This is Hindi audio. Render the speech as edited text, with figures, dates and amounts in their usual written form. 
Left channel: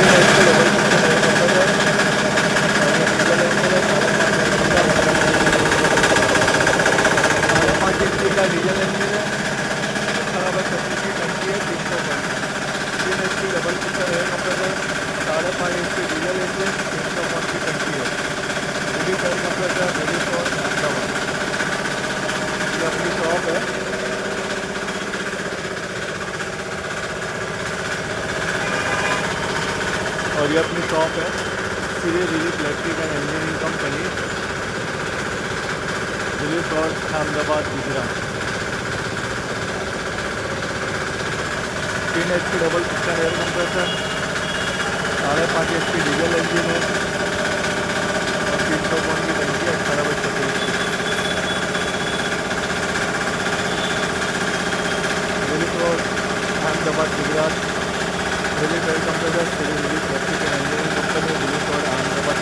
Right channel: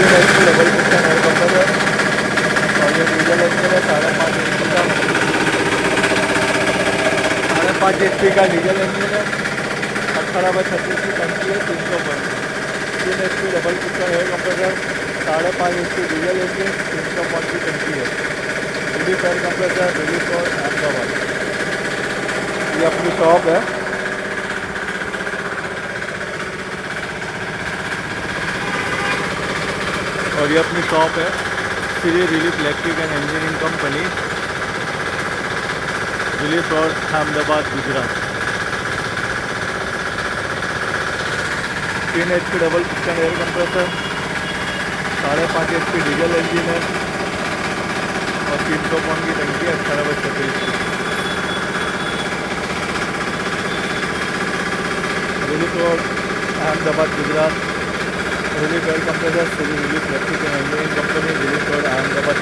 3 HP double piston air compressor और ये डीजल इंजन है 5.5 HP का डीजल इंजन है। 18/36 की टंकी है 300 HP double piston air compressor 5.5 HP diesel engine 300 की टंकी है। रिलीफ एयर कंप्रेसर रिलीफ और अहमदाबाद। ये अपनी शॉप है। और ये अपनी शॉप है Shri relief electric and engineering company, relief road, Ahmedabad, Gujarat. 3 HP double piston air compressor 5.5 HP diesel engine है और 300 पाउंड की टंकी है 18/36 की। Relief road, Ahmedabad, Gujarat. Relief air compressor Shri relief electric and engineering company, relief road, Ahmedabad,